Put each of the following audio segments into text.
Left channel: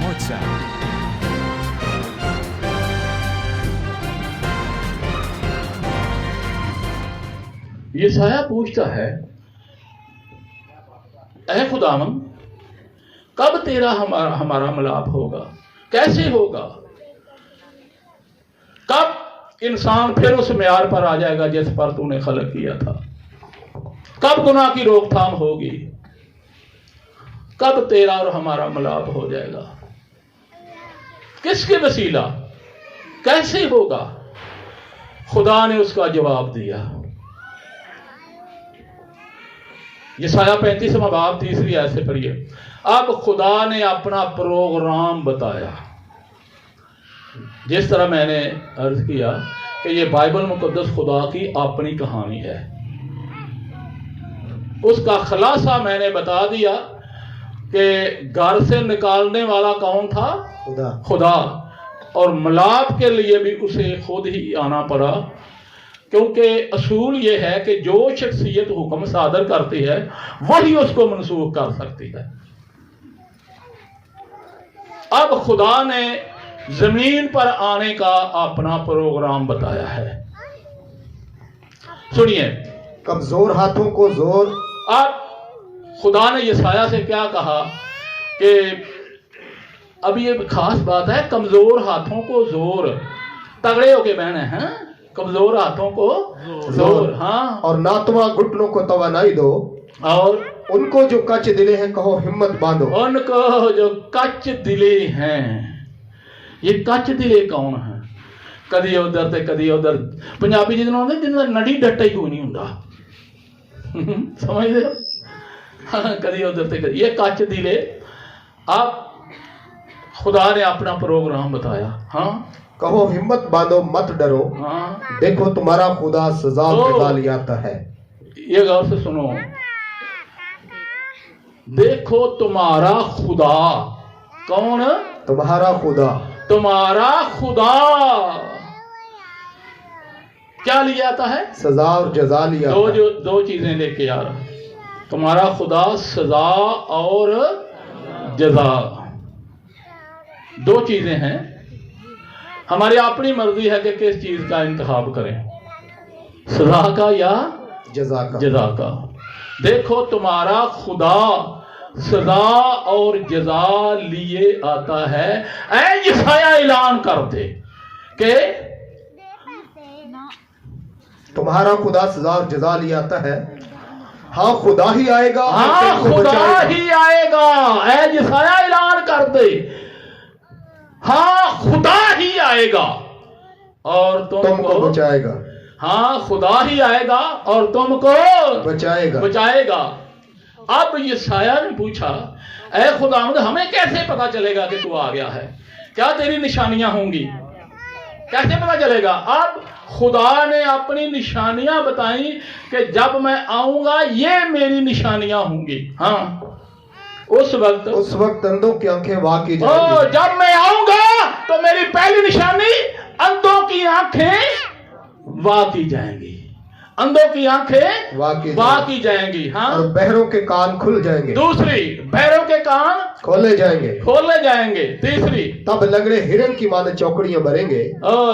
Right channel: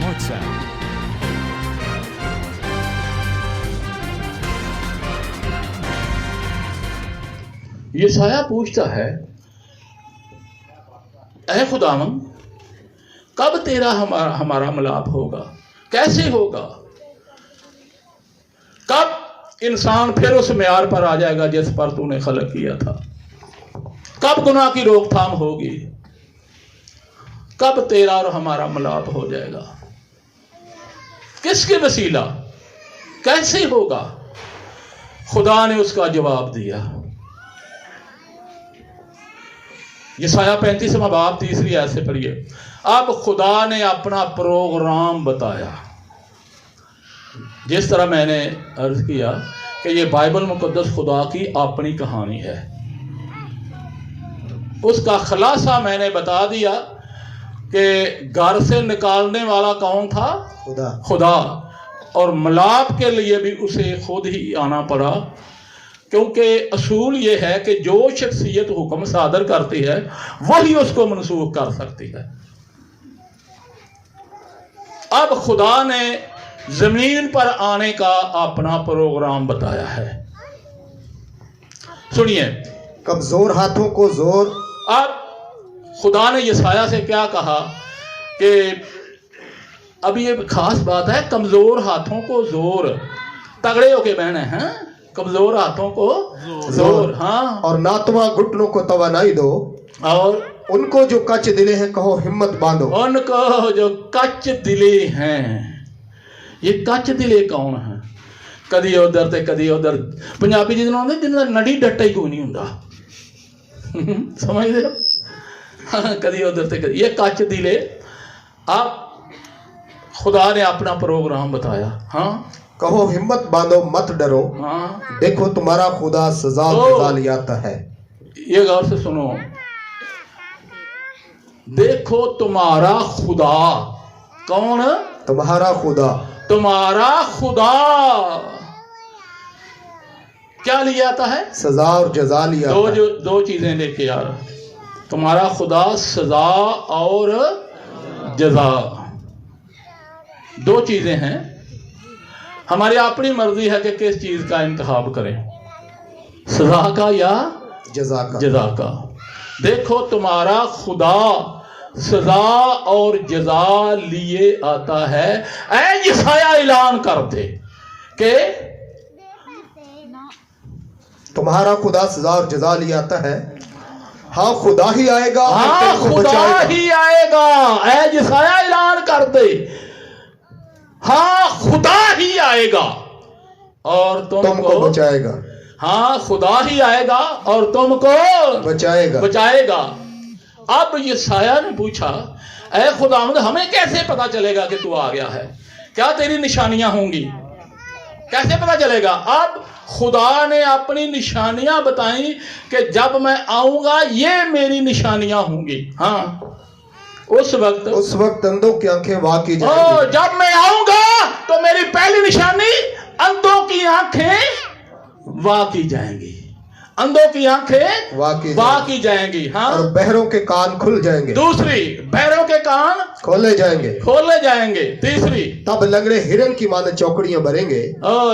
WhatsApp. یسایہ پوچھتا ہے اے خداوند کب تیرا ہمارا ملاپ ہوگا، کیسے ہوگا، کب انسان پھر اس معیار پر آ جائے گا جس پر تو نے خلق کیا تھا، کب گناہ کی روک تھام ہوگی، کب تیرا اور ہمارا ملاپ ہو جائے گا، کس کے وسیلہ، کیسے ہوگا؟ خدا نے اس کا جواب دیا۔ یسایہ 35واں باب 3 آیت سے پڑھیے۔ اب خدا نے اپنا پروگرام بتایا، جس طرح میں نے عرض کیا کہ یہ بائبل مقدس خدا کی اپنی کہانی ہے، اس کا خلاصہ میں نے بتا دیا کہ گھر سے نکالنے والا کون تھا؟ خدا، اور ملاپ کے لیے بھی اسے خود ہی آنا پڑا، کیونکہ اصول یہ ہے کہ جو شخصیت حکم صادر کرتی ہے وہی اس کو منسوخ کر سکتی ہے۔ اب خدا نے زمین پر آنے کا اپنا پروگرام بتایا ہے۔ سنیے، کمزور ہاتھوں کو زور۔ اب خدا نے یسایہ سے کیا کہا کہ اب یہ خاص بات ہے، کمزور ہاتھوں کو زور، تگڑے ہو کے بہنے ہیں، کمزور ہاتھوں کو زور، ہاں، اور ناتواں گھٹنوں کو توانائی دو، اور ان کو جو کچ دلے ہیں کہو ہمت باندھو۔ ان کو جو کچ دلے ہیں، یہ کچ دلے کون ہیں؟ کدی ادھر تے کدی ادھر، پنجابی جنہوں نے جنہوں نے نڑی ڈٹا ہی کوئی نہیں ہوں، سمجھ دے، کدی ادھر تے کدی، یہ کچ دلے۔ اب خدا نے اپنا پروگرام بتایا، ہاں، کہو ہمت باندھو مت ڈرو، ہاں، دیکھو تمہارا خدا سزا لے آتا ہے۔ یہ غور سے سنو، دیکھو تمہارا خدا، کون؟ تمہارا خدا، تمہارا خدا کیا لے آتا ہے؟ سزا اور جزا لے آتا ہے۔ دو چیزیں لے کے آ رہا، تمہارا خدا سزا اور جزا، دو چیزیں ہیں۔ ہماری اپنی مرضی ہے کہ کس چیز کا انتخاب کریں، سزا کا یا جزا کا۔ دیکھو تمہارا خدا سزا اور جزا لیے آتا ہے۔ اے یسایہ اعلان کر دے کہ تمہارا خدا سزا اور جزا لے آتا ہے، ہاں خدا ہی آئے گا، ہاں خدا ہی آئے گا۔ اے یسایہ اعلان کر دے، ہاں خدا ہی آئے گا اور تم کو بچائے گا۔ ہاں خدا ہی آئے گا اور تم کو بچائے گا۔ اب یسایہ نے پوچھا اے خداوند ہمیں کیسے پتا چلے گا کہ تو آ گیا ہے؟ کیا تیری نشانیاں ہوں گی؟ کیسے پتا چلے گا؟ اب خدا نے اپنی نشانیاں بتائیں کہ جب میں آؤں گا یہ میری نشانیاں ہوں گی۔ ہاں، اس وقت اندھوں کی آنکھیں واقعی جائیں گی۔ جب میں آؤں گا تو میری پہلی نشانی اندھوں کی آنکھیں واقعی جائیں گی، اندھوں کی آنکھیں واقعی جائیں گی، ہاں، اور بہروں کے کان کھل جائیں گے۔ دوسری، بہروں کے کان کھولے جائیں گے۔ تیسری، تب لنگڑے ہرن کی مانند چوکڑیاں بھریں گے،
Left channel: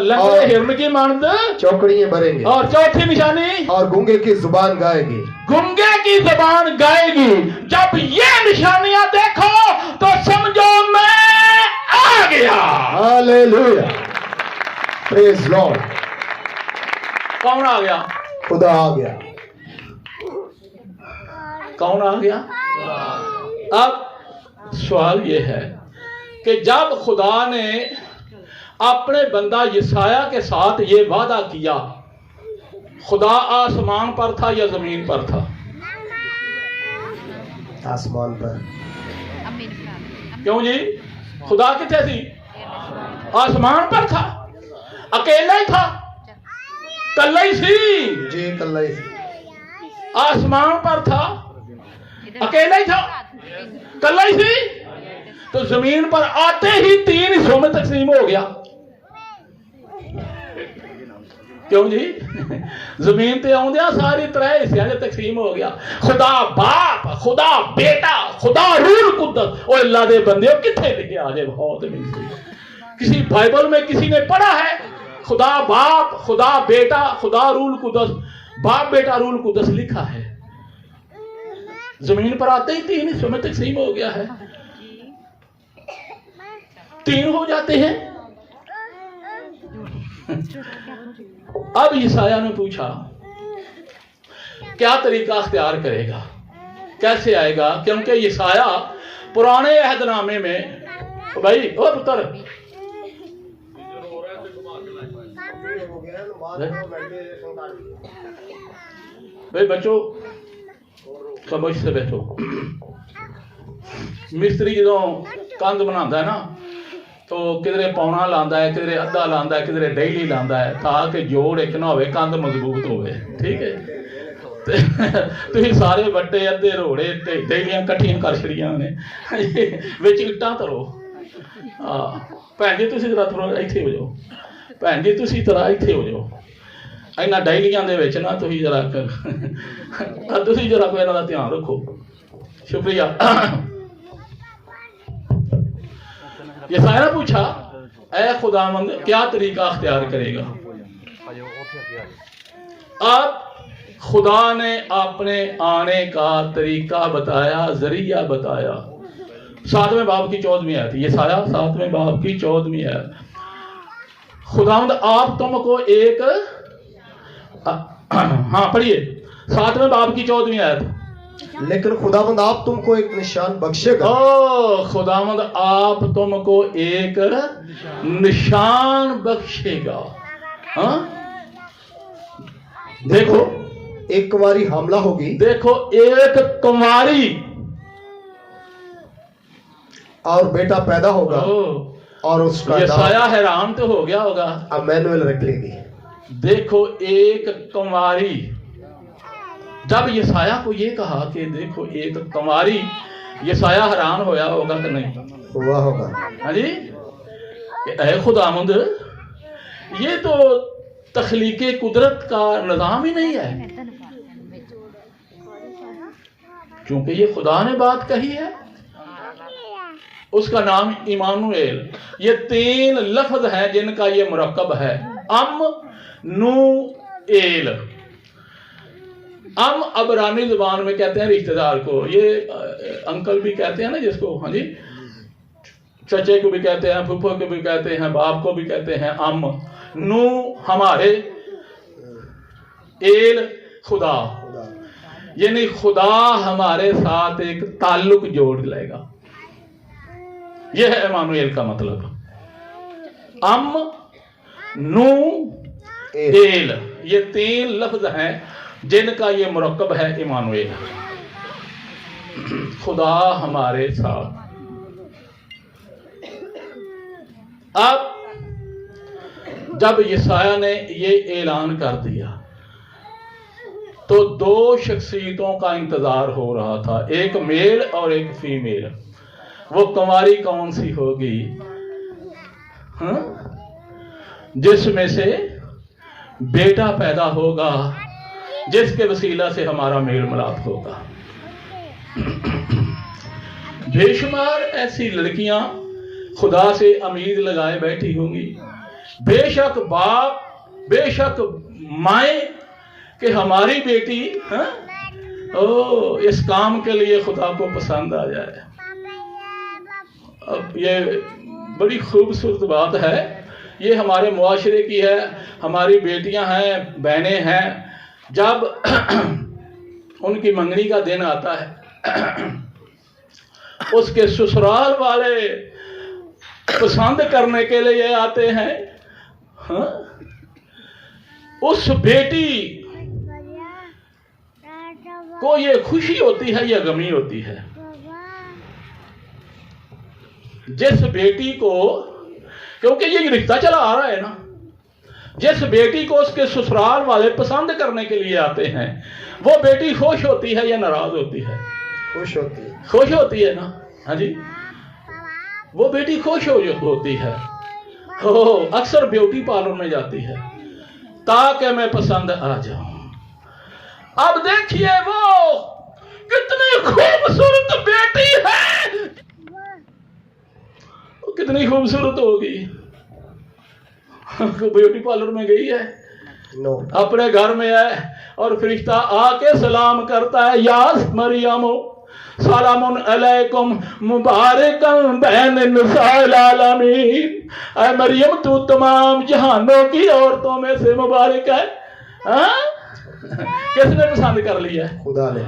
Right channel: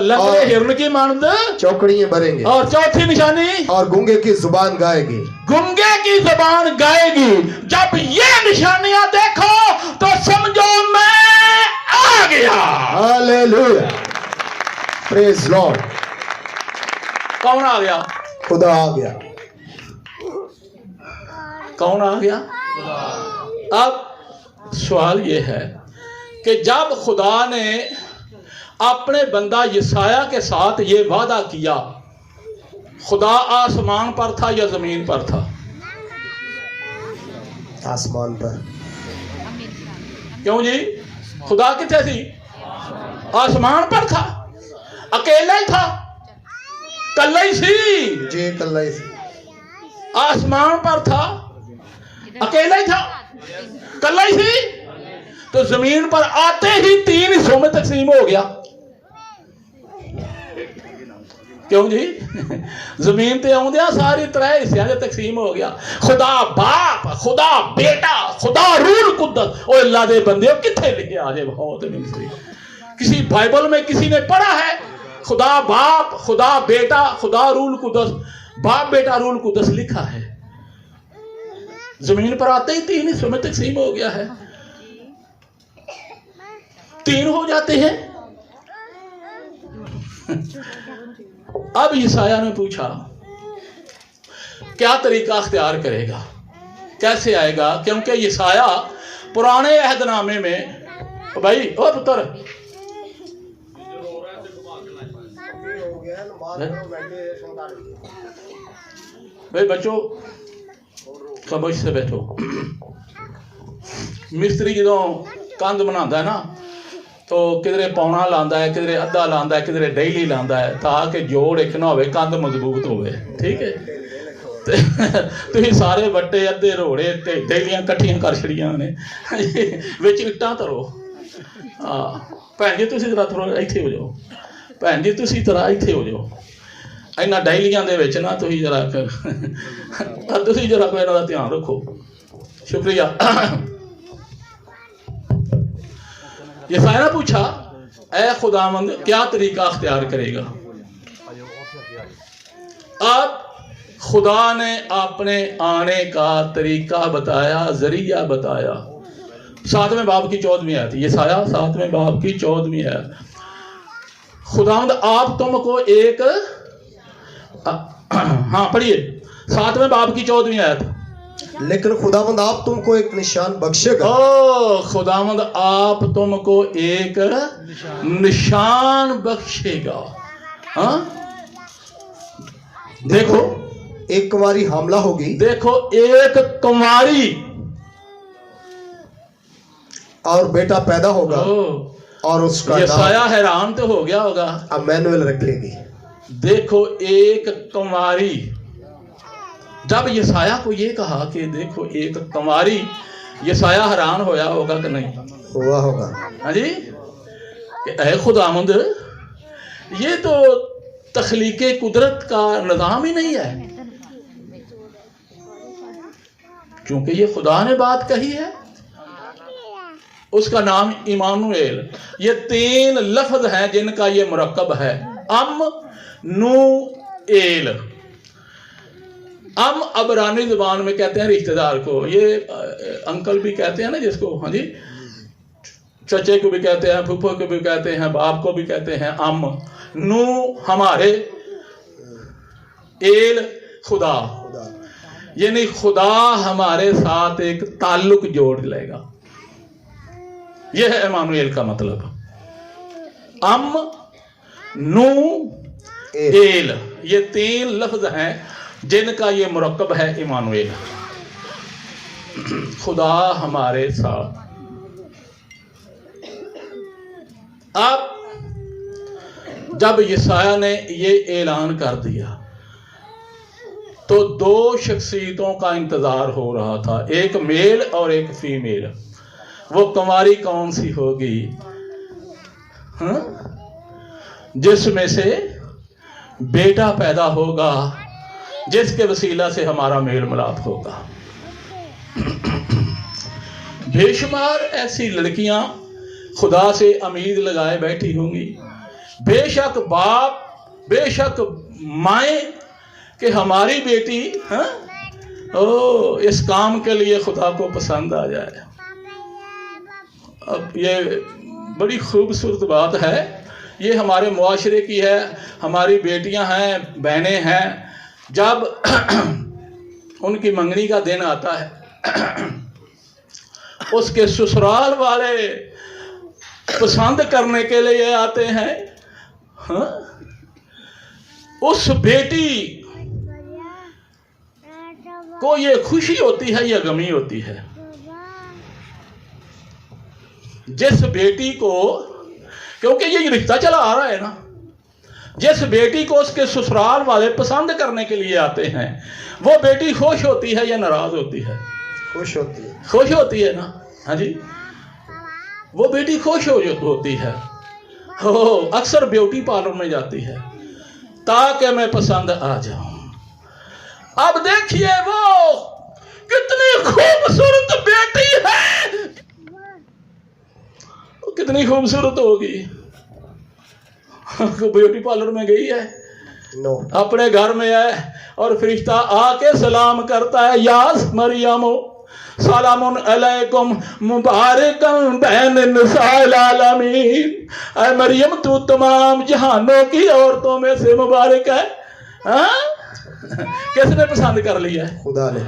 لنگڑے ہرن کی مانند چوکڑیاں بھریں گے۔ اور چوتھی نشانی، اور گونگے کی زبان گائے گی، گنگے کی زبان گائے گی۔ جب یہ نشانیاں دیکھو تو سمجھو میں آ گیا۔ ہاللیلویا، پریز لارڈ۔ کون آ گیا؟ خدا آ گیا۔ کون آ گیا؟ اب سوال یہ ہے کہ جب خدا نے اپنے بندہ یسایہ کے ساتھ یہ وعدہ کیا، خدا آسمان پر تھا یا زمین پر تھا؟ آسمان پر۔ کیوں جی؟ خدا کتنے تھی؟ آسمان پر تھا، اکیلا ہی تھا، کلا ہی سی جی، کلا ہی سی، آسمان پر تھا، اکیلا ہی تھا، کلا ہی سی، تو زمین پر آتے ہی 3 حصوں میں تقسیم ہو گیا۔ کیوں جی زمین تے آؤندیاں ساری ترے حصیاں دے تقسیم ہو گیا. خدا باپ، خدا بیٹا، خدا روح القدس. او اللہ دے بندے کتھے لکھے آ جائے بہت ملتی. کسی بائبل میں کسی نے پڑھا ہے خدا باپ، خدا بیٹا، خدا روح القدس؟ باپ بیٹا روح القدس لکھا ہے. زمین پر آتے ہی 3 حصوں میں تقسیم ہو گیا ہے. 3 ہو جاتے ہیں. اب یسایہ نے پوچھا کیا طریقہ اختیار کرے گا، کیسے آئے گا؟ کیونکہ یسایہ پرانے عہد نامے میں بھائی او پتر بھائی بچوں خاموش سے بیٹھو. مستری جدوں کندھ بناتا ہے نا تو کدھرے پونا لاندا ہے، کدھرے ادھا لاندا ہے، کدھرے ڈیلی لاندا ہے تاکہ جوڑ ایک نہ ہوئے، کندھ مضبوط ہوئے. ٹھیک ہے تھی سارے وٹے ادھے روڑے ڈیلیاں کٹھیاں کر چھڑیاں نے وچ اٹاں ترو. بھن جی تسی ذرا تھوڑا ایتھے ہو جاؤ. بھن جی تسی ذرا ایتھے ہو جاؤ. اینا ڈیلیاں دے وچ نا تسی ذرا کوئی انہاں دا دھیان رکھو. شکریہ. یسایہ نے پوچھا اے خداوند کیا طریقہ اختیار کرے گا؟ اب خدا نے اپنے آنے کا طریقہ بتایا، ذریعہ بتایا. 7ویں باب کی 14ویں آیت. یسایہ 7ویں باب کی 14ویں آیت. خداوند آپ تم کو ایک ہاں پڑھیے 7ویں باب کی 14ویں آیت. لیکن خداوند آپ تم کو ایک نشان بخشے گا. خداوند آپ تم کو ایک نشان بخشے گا. ہاں دیکھو ایک کنواری حاملہ ہوگی. دیکھو ایک کنواری اور بیٹا پیدا ہوگا اور اس کا یسایہ حیران تو ہو گیا ہوگا. امانویل رکھ لے گی. دیکھو ایک کنواری. جب یسایہ کو یہ کہا کہ دیکھو ایک کنواری، یسایہ حیران ہویا ہوگا کہ نہیں؟ ہوا ہوگا. ہاں جی کہ اے خداوند یہ تو تخلیق قدرت کا نظام ہی نہیں ہے، کیونکہ یہ خدا نے بات کہی ہے. اس کا نام ایمانویل. یہ 3 لفظ ہیں جن کا یہ مرکب ہے. نو ایل. عبرانی زبان میں کہتے ہیں رشتہ دار کو. یہ انکل بھی کہتے ہیں نا جس کو، ہاں جی چچے کو بھی کہتے ہیں، پھپھو کو بھی کہتے ہیں، باپ کو بھی کہتے ہیں. نو ہمارے، ایل خدا، یعنی خدا ہمارے ساتھ ایک تعلق جوڑ لے گا. یہ ہے ایمانویل کا مطلب. نو ایل یہ 3 لفظ ہیں جن کا یہ مرکب ہے ایمانویل. خدا ہمارے ساتھ. اب جب یسایہ نے یہ اعلان کر دیا تو 2 شخصیتوں کا انتظار ہو رہا تھا، ایک میل اور ایک فیمیل. وہ کنواری کون سی ہوگی جس میں سے بیٹا پیدا ہوگا، جس کے وسیلہ سے ہمارا میل ملاپ ہوگا. بے شمار ایسی لڑکیاں خدا سے امید لگائے بیٹھی ہوں گی، بے شک باپ، بے شک مائیں کہ ہماری بیٹی اس کام کے لیے خدا کو پسند آ جائے. اب یہ بڑی خوبصورت بات ہے، یہ ہمارے معاشرے کی ہے. ہماری بیٹیاں ہیں، بہنیں ہیں، جب ان کی منگنی کا دن آتا ہے اس کے سسرال والے پسند کرنے کے لیے آتے ہیں. اس بیٹی کو یہ خوشی ہوتی ہے یا غمی ہوتی ہے؟ جس بیٹی کو، کیونکہ یہ رشتہ چلا آ رہا ہے نا، جس بیٹی کو اس کے سسرال والے پسند کرنے کے لیے آتے ہیں وہ بیٹی خوش ہوتی ہے یا ناراض ہوتی ہے؟ خوش ہوتی ہے. خوش ہوتی ہے نا. ہاں جی وہ بیٹی خوش ہوتی ہے. اکثر بیوٹی پارلر میں جاتی ہے، تاکہ میں پسند آ جاؤں. اب دیکھیے وہ کتنی خوبصورت بیٹی ہے, کتنی خوبصورت ہوگی. بیوٹی پارلر میں گئی ہے, اپنے گھر میں ہے, اور فرشتہ آ کے سلام کرتا ہے, یاس مریم سلام علیکم مبارکم بین نساء العالمین. اے مریم تو تمام جہانوں کی عورتوں میں سے مبارک ہے. کس نے پسند کر لیا؟ خدا نے.